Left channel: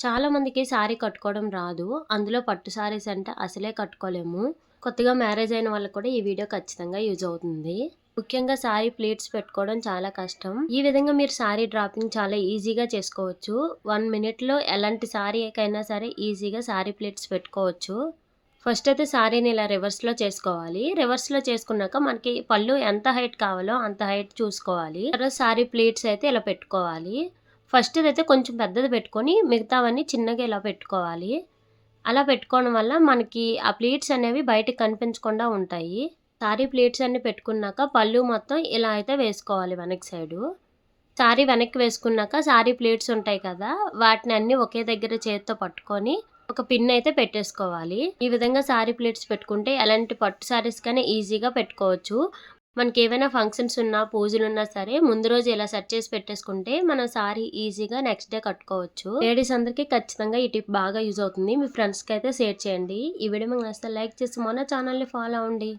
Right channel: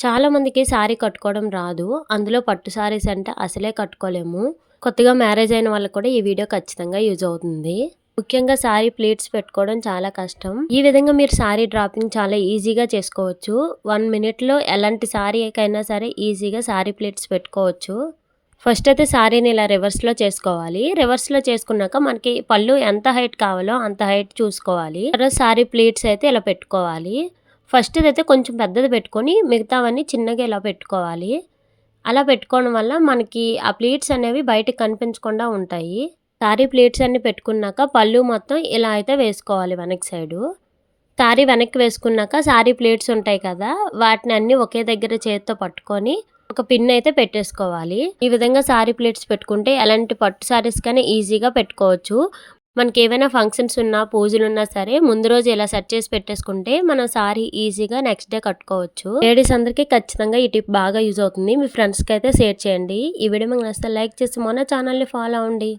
చాలా మందికి శారీ కట్టుకోవడం రాదు. అందులో పట్టు శారీస్ అంటే అసలే కట్టుకోలేము. కొత్తగా మ్యారేజ్ అయిన వాళ్ళకి కూడా ఈ వీడియో ఖచ్చితంగా యూజ్ అవుతుంది. ముఖ్యంగా శారీ ప్లీట్స్ పెట్టుకోవడం చాలా కష్టం. ఈ విధంగా మీరు శారీ డ్రాపింగ్ చాలా ఈజీగా చేసుకోవచ్చు. 1 మినిట్‌లో ఎలాంటి శారీకైనా సరే ఈజీగా శారీ ప్లీట్స్ పెట్టుకోవచ్చు. ఫస్ట్ అయితే శారీని ఇలా రివర్స్‌లో చేసుకోవాలి. రివర్స్‌లో చేసుకున్నాక మనకి పళ్ళు ఎంత హైట్ కావాలో అంత హైట్ చూసుకోవాలి. తర్వాత శారీ ప్లీట్స్ అయితే ఇలా పెట్టుకోవాలి. ఫస్ట్ ఇదైతే కొంచెం పెద్దది పెట్టుకొని మిగతావన్నీ చిన్నగా ఇలా పెట్టుకోవాలి. అలా పెట్టుకోవడం వల్ల మనకి ఆ ప్లీట్స్ అనేవి బయటకి కనిపించకుండా ఉంటాయి. శారీ ప్లీట్స్ అన్నీ పెట్టుకున్నాక పళ్ళు మొత్తం ఇలా అయితే వేసుకోవాలి వెనక సైడు. శారీ వెనక్కి వేసుకున్నాక శారీ ప్లీట్స్ ఉంటాయి కదా! వాటిని అన్నీ ఒకే దగ్గర చేత్తో పట్టుకొని ఒక పిన్ అయితే పెట్టేసుకోవాలి. ఈ విధంగా శారీ ప్లీట్స్ పెట్టుకుంటే ఎలాంటి పట్టు శారీస్‌కైనా ఈజీగా పెట్టుకోవచ్చు. మనకేవైనా ఫంక్షన్స్ ఉన్నా, పూజలున్నా సరే ముందు రోజు ఇలా సెట్ చేసి పెట్టేసుకుంటే మనం శారీ ఈజీగా నెక్స్ట్ డే కట్టుకోవచ్చు. లేడీస్ అందరికీ ఖచ్చితంగా ఈ టిప్ బాగా యూజ్ అవుతుంది. మీ ఫ్రెండ్స్‌కి అయితే షేర్ చేయండి. ఈ వీడియో మీకు నచ్చితే లైక్ చేసి మన ఛానల్‌ని ఫాలో అవ్వండి.